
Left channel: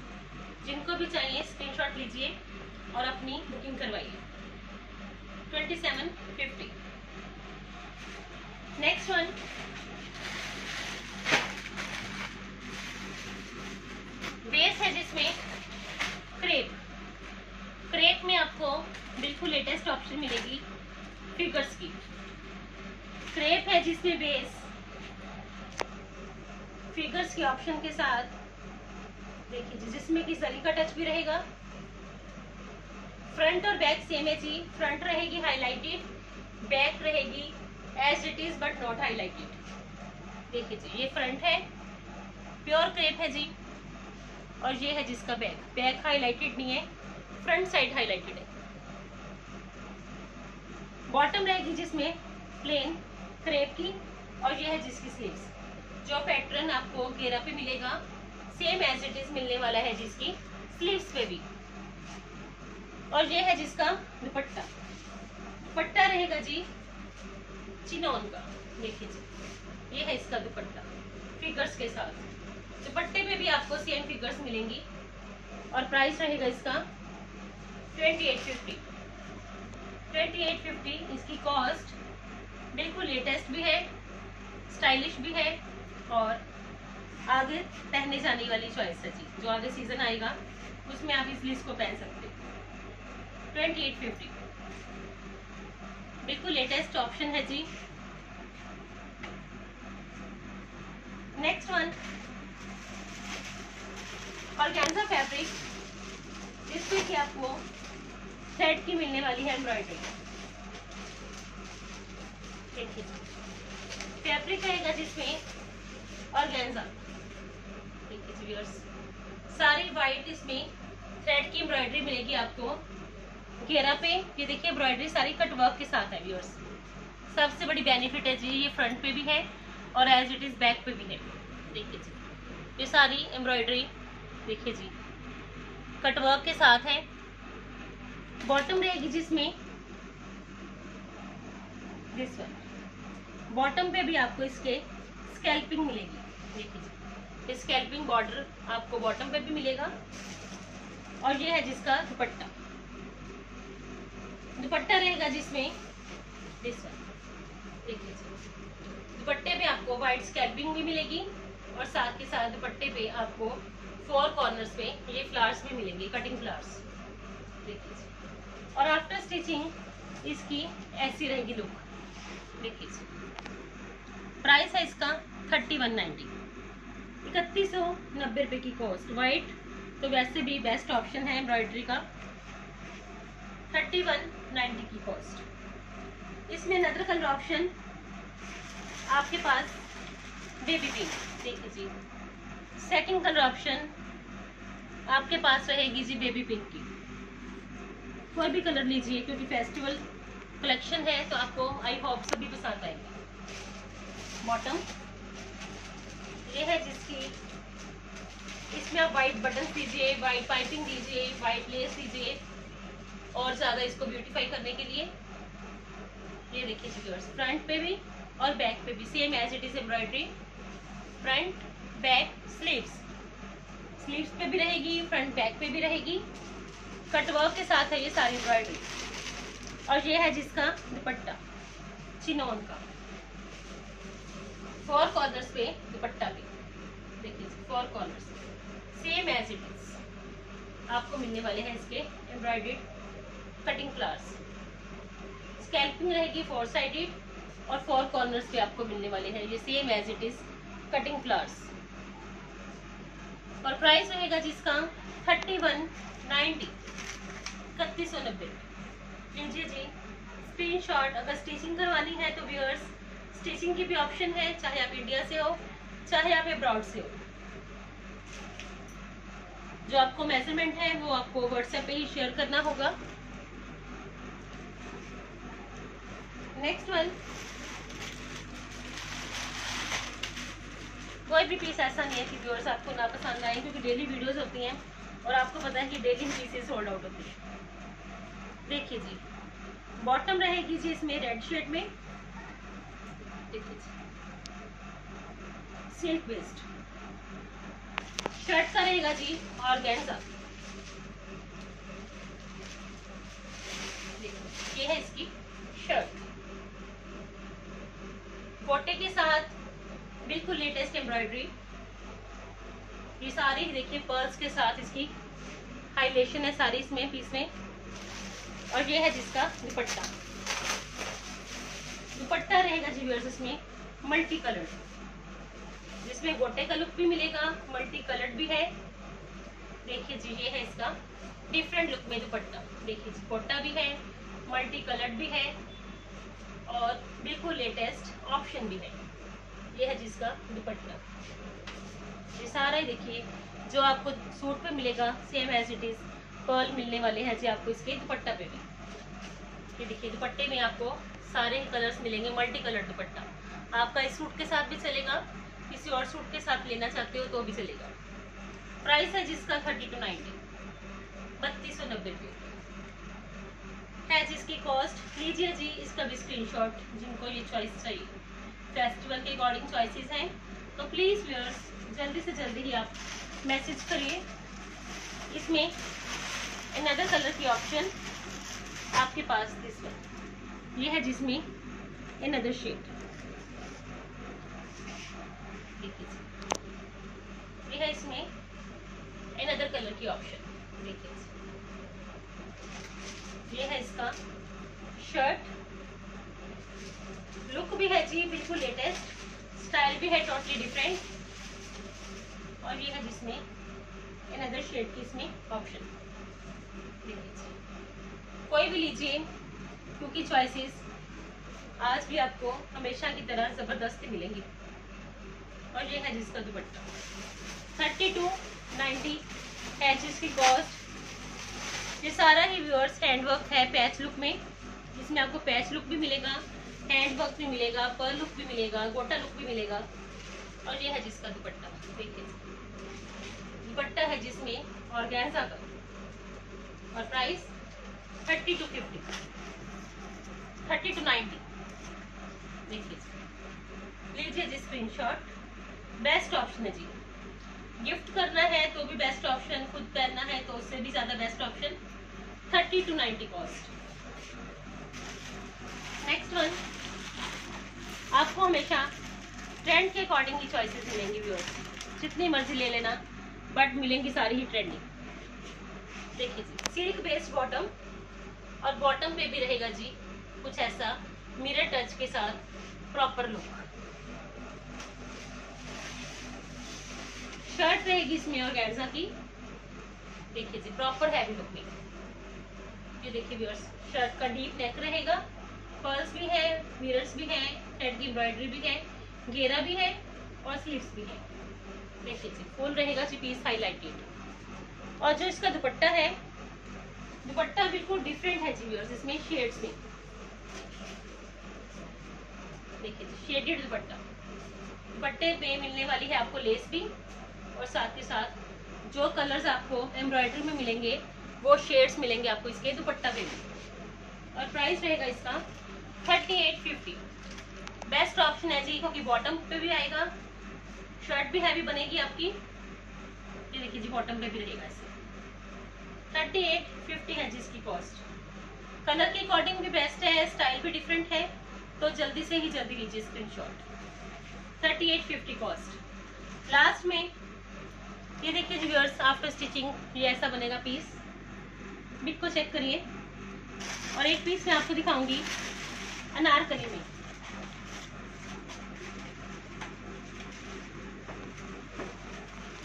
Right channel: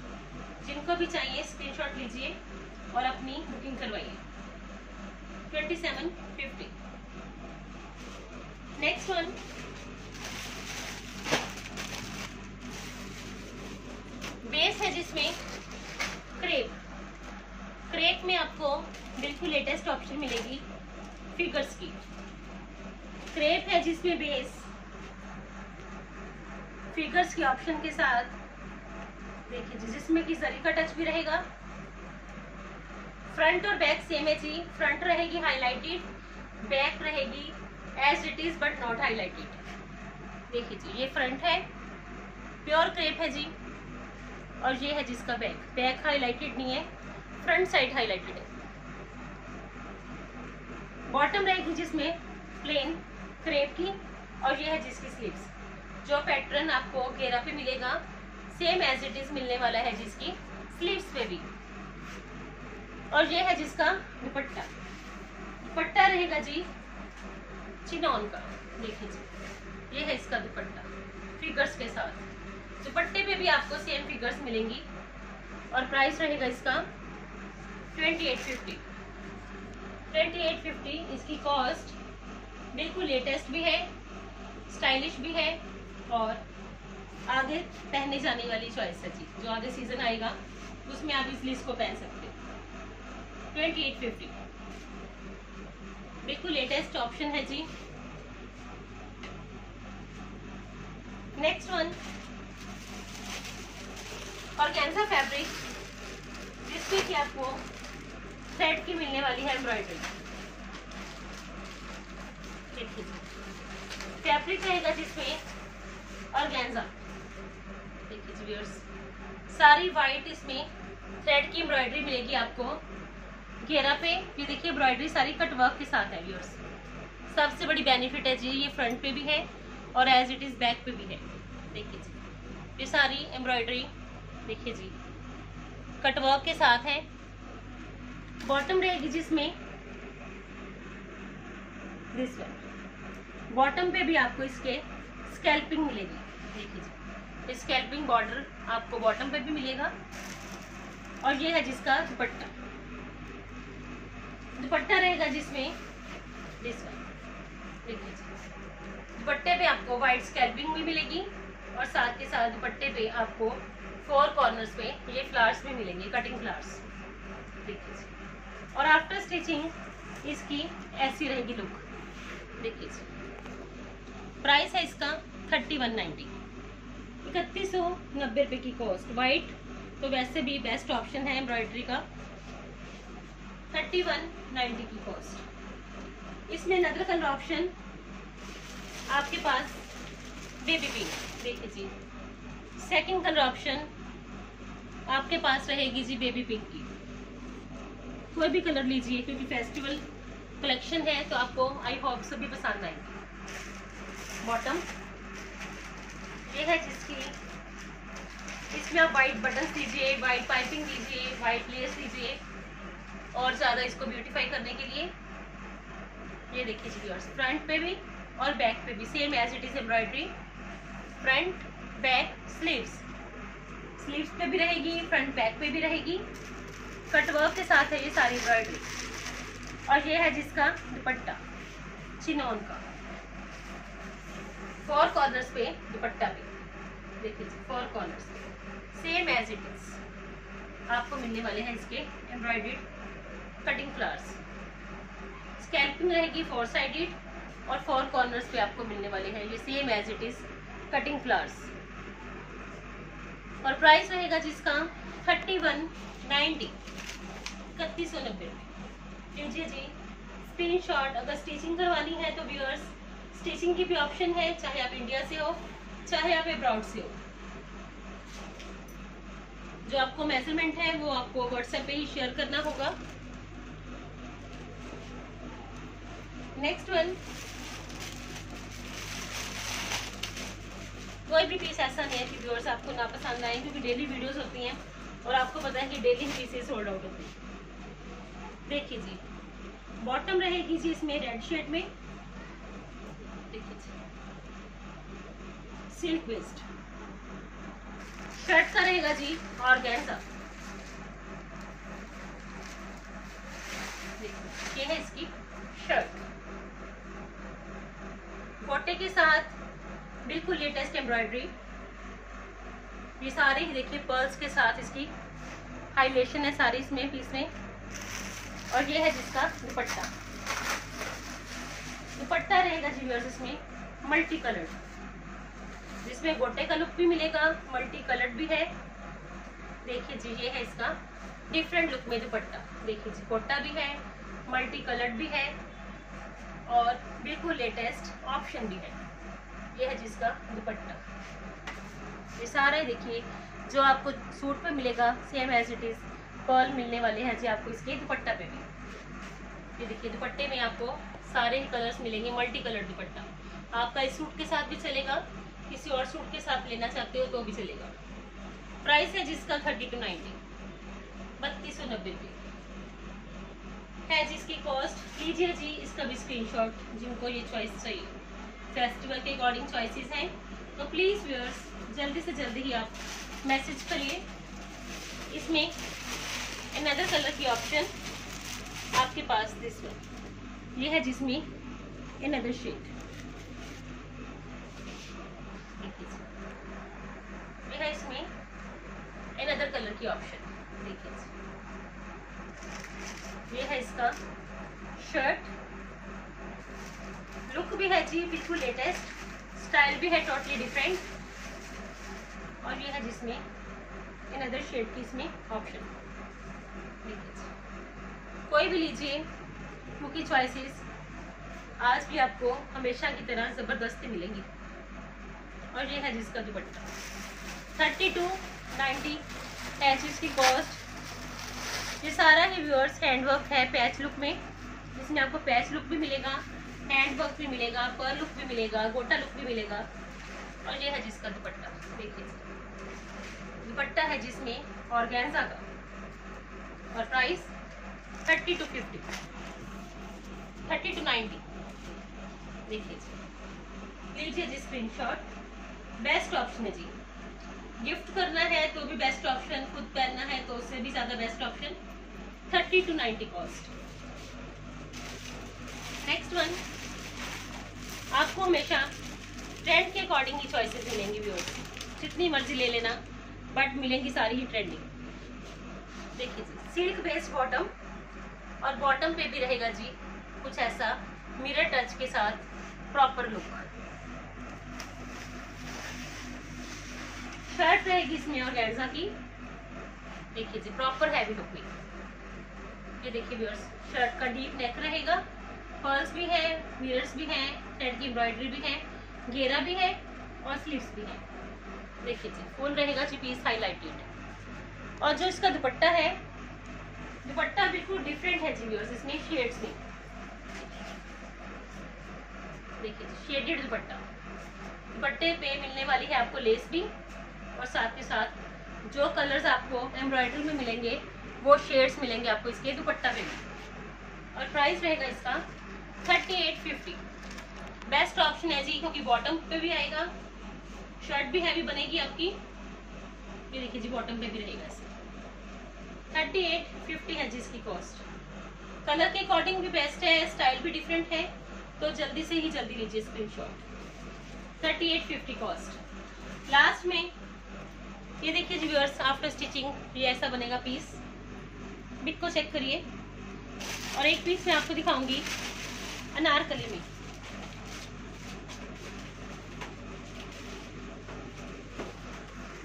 जिनको भी चाहिए स्क्रीनशॉट लीजिए और अपनी बुकिंग करवाइए। 2750। नेक्स्ट वन, बेस है जिसमें क्रेप। क्रेप में आपको बिल्कुल लेटेस्ट ऑप्शन मिलेगी फिगर्स की। क्रेप है जिसमें बेस फिगर्स के ऑप्शन के साथ, देखिए जी, जिसमें कि जरी का टच भी रहेगा। फ्रंट और बैक सेम है जी। फ्रंट रहेगी हाईलाइटेड, बैक रहेगी as it is but not highlighted. देखिए जी, ये फ्रंट है, प्योर क्रेप है जी, और ये है जिसका बैक। बैक हाईलाइटेड नहीं है, फ्रंट साइड हाईलाइटेड है। बॉटम रहेगी जिसमें प्लेन क्रेप की, और ये है जिसकी स्लीव्स। जो पैटर्न आपको घेरा पे मिलेगा सेम एज इट इज मिलने वाला है जिसकी स्लीव्स पे भी। और ये है जिसका दुपट्टा। दुपट्टा रहेगा जी चिनॉन का। देखिए जी, ये है इसका दुपट्टा फिगर्स के साथ। दुपट्टे पे भी आपको सेम फिगर्स मिलेंगी, और प्राइस रहेगा इसका 2850। 2850 इसकी कॉस्ट। बिल्कुल लेटेस्ट भी है, स्टाइलिश भी है, और आगे पहने जाने वाली चॉइस है जी। जो आगे सीजन आएगा उसमें आप इस लिस्ट को पहन सकते हैं। 2850 बिल्कुल लेटेस्ट ऑप्शन है जी। नेक्स्ट वन, ऑर्गेन्जा फैब्रिक, जिसपे कि आपको थ्रेड की मिलने वाली है एम्ब्रॉयडरी। देखिए फैब्रिक रहेगा जिसमें ऑर्गेन्जा। देखिए जी व्यूअर्स, सारी वाइट इसमें थ्रेड की एम्ब्रॉयडरी मिलेगी आपको घेरा पे। ये देखिए एम्ब्रॉयडरी सारी कट वर्क के साथ है व्यूअर्स। सबसे बड़ी बेनिफिट है जी, ये फ्रंट पे भी है और एज इट इज बैक पे भी है। देखिए जी, ये सारी एम्ब्रॉयडरी देखिए जी कट वर्क के साथ है। बॉटम रहेगी जिसमें दिस वन। बॉटम पे भी आपको इसके स्कैल्पिंग मिलेगी। देखिए जी, स्कैल्पिंग बॉर्डर आपको बॉटम पे भी मिलेगा, और ये है जिसका दुपट्टा। दुपट्टा रहेगा जिसमें दिस वन। देखिए जी, दुपट्टे पे आपको व्हाइट स्कैल्पिंग भी मिलेगी, और साथ के साथ दुपट्टे पे आपको 4 कॉर्नर्स पे ये फ्लावर्स भी मिलेंगे, कटिंग फ्लावर्स। देखिए जी, और आफ्टर स्टिचिंग इसकी ऐसी रहेगी लुक। देखिए जी, प्राइस है इसका 3190। 3190 रुपए की कॉस्ट। वाइट तो वैसे भी बेस्ट ऑप्शन है एम्ब्रॉयडरी का। 3190 की कॉस्ट। इसमें अदर कलर ऑप्शन आपके पास बेबी पिंक। देखिए जी, सेकंड कलर ऑप्शन आपके पास रहेगी जी बेबी पिंक की। कोई भी कलर लीजिए, क्योंकि फेस्टिवल कलेक्शन है तो आपको आई होप सभी पसंद आएंगे। बॉटम ये है जिसकी, इसमें आप वाइट बटन दीजिए, वाइट पाइपिंग दीजिए, वाइट लेस दीजिए, और ज्यादा इसको ब्यूटीफाई करने के लिए। ये देखिए व्यूअर्स, फ्रंट पे भी और बैक पे भी same as it is embroidery. Front back sleeves, sleeves पे भी रहेगी, फ्रंट बैक पे भी रहेगी। कटवर्क के साथ है ये सारी एम्ब्रॉयडरी, और ये है जिसका दुपट्टा चिनॉन का। 4 कॉर्नर्स पे दुपट्टा पे देखिए 4 कॉर्नर्स पे सेम एज इट इज आपको मिलने वाले हैं इसके एम्ब्रॉयडर्ड कटिंग फ्लावर्स। स्कैल्पिंग रहेगी 4 साइडेड, और 4 कॉर्नर्स पे आपको मिलने वाले हैं ये same as it is cutting flowers. और प्राइस रहेगा जिसका 3190। 90, 3190 लीजिए जी स्क्रीनशॉट। अगर स्टिचिंग करवानी है तो व्यूअर्स स्टिचिंग की भी ऑप्शन है, चाहे आप इंडिया से हो चाहे आप अब्रॉड से हो। जो आपको मेजरमेंट है वो आपको व्हाट्सएप पे ही शेयर करना होगा। नेक्स्ट वन, कोई भी पीस ऐसा नहीं है कि व्यूअर्स आपको ना पसंद आए, क्योंकि डेली वीडियोस होती हैं और आपको पता है कि डेली पीसेस सोल्ड आउट होती है। देखिए जी बॉटम रहेगी जी इसमें रेड शेड में, देखिए जी सिल्क बेस्ड। शर्ट का रहेगा जी ऑर्गेन्जा, ये है इसकी शर्ट, गोटे के साथ बिल्कुल लेटेस्ट एम्ब्रॉयडरी। ये सारे ही देखिए पर्ल्स के साथ इसकी हाईलाइशन है सारी इसमें पीस में। और ये है जिसका दुपट्टा, दुपट्टा रहेगा जी व्यूअर्स इसमें मल्टी कलर्ड, जिसमें गोटे का लुक भी मिलेगा, मल्टी कलर्ड भी है। देखिए जी ये है इसका डिफरेंट लुक में दुपट्टा, देखिए जी गोटा भी है, मल्टी कलर्ड भी है और बिल्कुल लेटेस्ट ऑप्शन भी है। ये है जिसका दुपट्टा। ये सारा ही देखिए जो आपको सूट पे मिलेगा same as it is pearl मिलने वाले हैं जी आपको इसके दुपट्टा पे भी। ये देखिए दुपट्टे में आपको सारे ही कलर्स मिलेंगे, मल्टी कलर दुपट्टा। आपका इस सूट के साथ भी चलेगा, किसी और सूट के साथ लेना चाहते हो तो भी चलेगा। प्राइस है जिसका 30 to 90, 3290 है जिसकी कॉस्ट। लीजिए जी इसका भी स्क्रीनशॉट जिनको ये चॉइस चाहिए। फेस्टिवल के अकॉर्डिंग चॉइसेस हैं, तो प्लीज व्यूअर्स जल्दी से जल्दी ही आप मैसेज करिए। इसमें अनदर कलर की ऑप्शन आपके पास दिस वन, ये है जिसमें अनदर शेड, देखिए ये है इसमें अनदर कलर की ऑप्शन। देखिए ये है इसका शर्ट, लुक भी है जी बिल्कुल लेटेस्ट, स्टाइल भी है टोटली डिफरेंट। और ये है जिसमें अनदर शेड की इसमें ऑप्शन। कोई भी लीजिए क्योंकि चॉइसेस आज भी आपको हमेशा की तरह जबरदस्ती मिलेंगी। और ये है जिसका दुपट्टा 30 to 90 है जिसकी कॉस्ट। ये सारा ही व्यूअर्स हैंडवर्क है पैच लुक में, जिसमें आपको पैच लुक भी मिलेगा, हैंडवर्क भी मिलेगा, पर्ल लुक भी मिलेगा, गोटा लुक भी मिलेगा। और ये है जिसका दुपट्टा, देखिए दुपट्टा है जिसमें ऑर्गेन्जा का। और प्राइस 30 to 50, 30 to 90। देखिए लीजिए जी स्क्रीनशॉट। बेस्ट ऑप्शन है जी, गिफ्ट करना है तो भी बेस्ट ऑप्शन, खुद पहनना है तो उससे भी ज्यादा best option. 30 to 90 cost. Next one, आपको हमेशा ट्रेंड के अकॉर्डिंग ही चॉइसेस मिलेंगी व्यूअर्स, जितनी मर्जी ले लेना बट मिलेंगी सारी ही ट्रेंडिंग। देखिए जी सिल्क बेस्ड बॉटम, और बॉटम पे भी रहेगा जी कुछ ऐसा मिरर टच के साथ प्रॉपर लुक। शर्ट रहेगी इसमें ऑर्गेन्जा की, देखिए जी प्रॉपर हैवी लुक में। ये देखिए व्यूअर्स शर्ट का डीप नेक रहेगा, पर्ल्स भी है, मिरर्स भी हैं, थ्रेड की एम्ब्रॉयडरी भी है, घेरा भी है और स्लीव्स भी है। देखिए जी फुल रहेगा जी पीस हाईलाइटेड। और जो इसका दुपट्टा है, दुपट्टा बिल्कुल डिफरेंट है जी व्यूअर्स, इसमें शेड्स में देखिए जी शेडेड दुपट्टा। दुपट्टे पे मिलने वाली है आपको लेस भी, और साथ के साथ जो कलर्स आपको एम्ब्रॉयडरी में मिलेंगे वो शेड्स मिलेंगे आपको इसके दुपट्टा पे भी। और प्राइस रहेगा इसका 3850। बेस्ट ऑप्शन है जी, क्योंकि बॉटम पे भी आएगा, शर्ट भी हैवी बनेगी आपकी। ये देखिए जी बॉटम पे भी रहेगा इसे। 3850 है जिसकी कॉस्ट। कलर के अकॉर्डिंग भी बेस्ट है, स्टाइल भी डिफरेंट है, तो जल्दी से ही जल्दी लीजिए स्क्रीनशॉट। 3850 कॉस्ट। लास्ट में ये देखिए जी व्यूअर्स आफ्टर स्टिचिंग ये ऐसा बनेगा पीस। बिट को चेक करिए। और एक पीस मैं आपको दिखाऊंगी अनारकली में।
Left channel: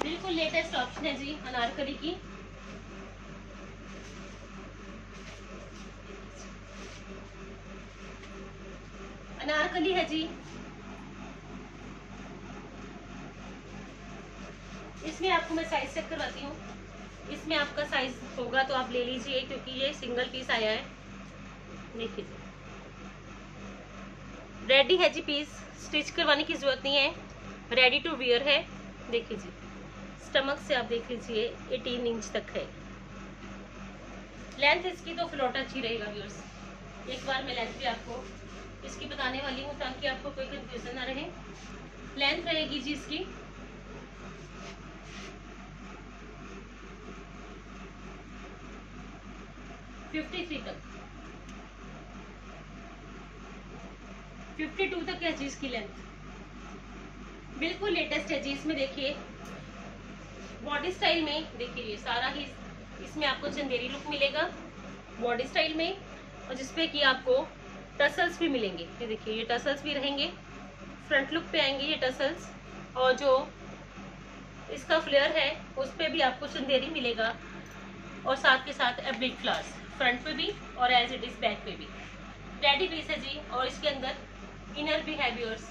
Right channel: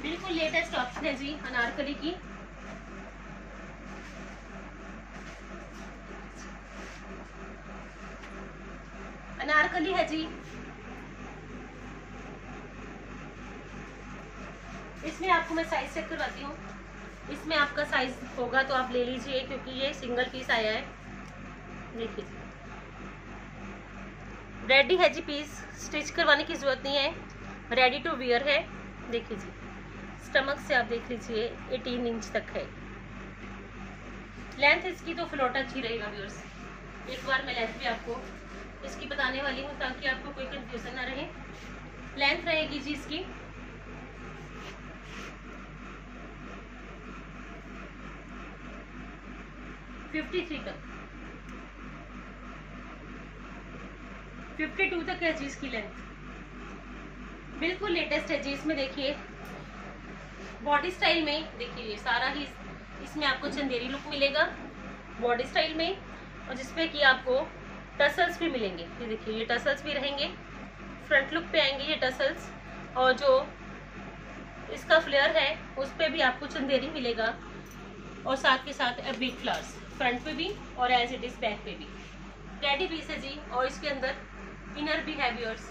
बिल्कुल लेटेस्ट ऑप्शन है जी अनारकली की। अनारकली है जी, इसमें आपको मैं साइज चेक करवाती हूँ। इसमें आपका साइज होगा तो आप ले लीजिए, क्योंकि ये सिंगल पीस आया है। देखिए जी, रेडी है जी पीस, स्टिच करवाने की जरूरत नहीं है, रेडी टू वियर है। देखिए जी, स्टमक से आप देख लीजिए 18 इंच तक है लेंथ इसकी, तो फ्लोट अच्छी रहेगा व्यूअर्स। एक बार मैं लेंथ भी आपको इसकी बताने वाली हूँ ताकि आपको कोई कंफ्यूजन ना रहे। लेंथ रहेगी जी इसकी 53 तक, 52 तक है जी इसकी लेंथ। बिल्कुल लेटेस्ट है जी। इसमें देखिए बॉडी स्टाइल में, देखिए ये सारा ही इसमें आपको चंदेरी लुक मिलेगा बॉडी स्टाइल में, और जिसपे कि आपको टसल्स भी मिलेंगे। ये देखिए ये टसल्स भी रहेंगे, फ्रंट लुक पे आएंगे ये टसल्स, और जो इसका फ्लेयर है उस पे भी आपको चंदेरी मिलेगा, और साथ के साथ एब्लिक फ्लावर्स फ्रंट पे भी और एज इट इज बैक पे भी। रेडी पीस है जी, और इसके अंदर इनर भी है व्यूअर्स,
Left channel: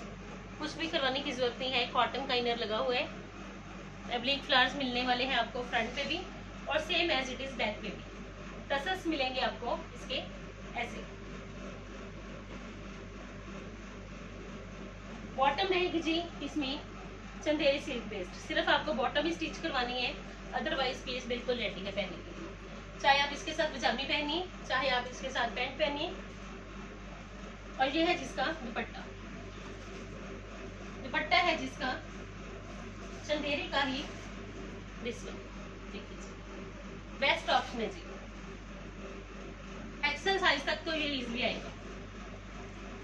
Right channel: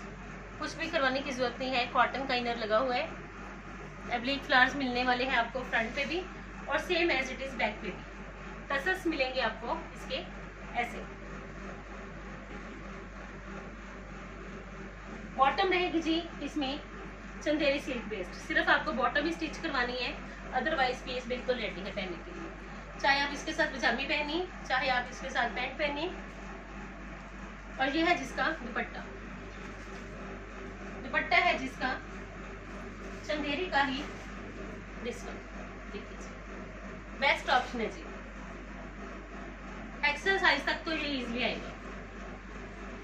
कुछ भी करवाने की जरूरत नहीं है, कॉटन का इनर लगा हुआ है। एब्लिक फ्लावर्स मिलने वाले हैं आपको फ्रंट पे भी, और same as it is back पे भी। टसल्स मिलेंगे आपको इसके ऐसे। बॉटम रहेगी जी इसमें चंदेरी सिल्क बेस्ड, सिर्फ आपको बॉटम ही स्टिच करवानी है, अदरवाइज पीस बिल्कुल रेडी है पहनने के लिए। चाहे आप इसके साथ पजामी पहनिए, चाहे आप इसके साथ पैंट पहनिए। और ये है जिसका दुपट्टा, दुपट्टा है जिसका चंदेरी का ही दिस वन। देखिए बेस्ट ऑप्शन है जी, एक्सेल साइज तक तो ये इजीली आएगा।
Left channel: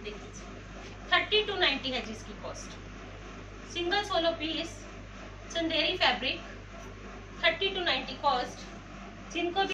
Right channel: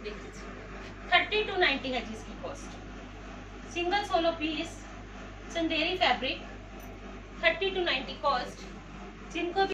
देखिए 30 to 90 है जी इसकी cost. Single solo piece Chanderi fabric 30 to 90 cost. जिनको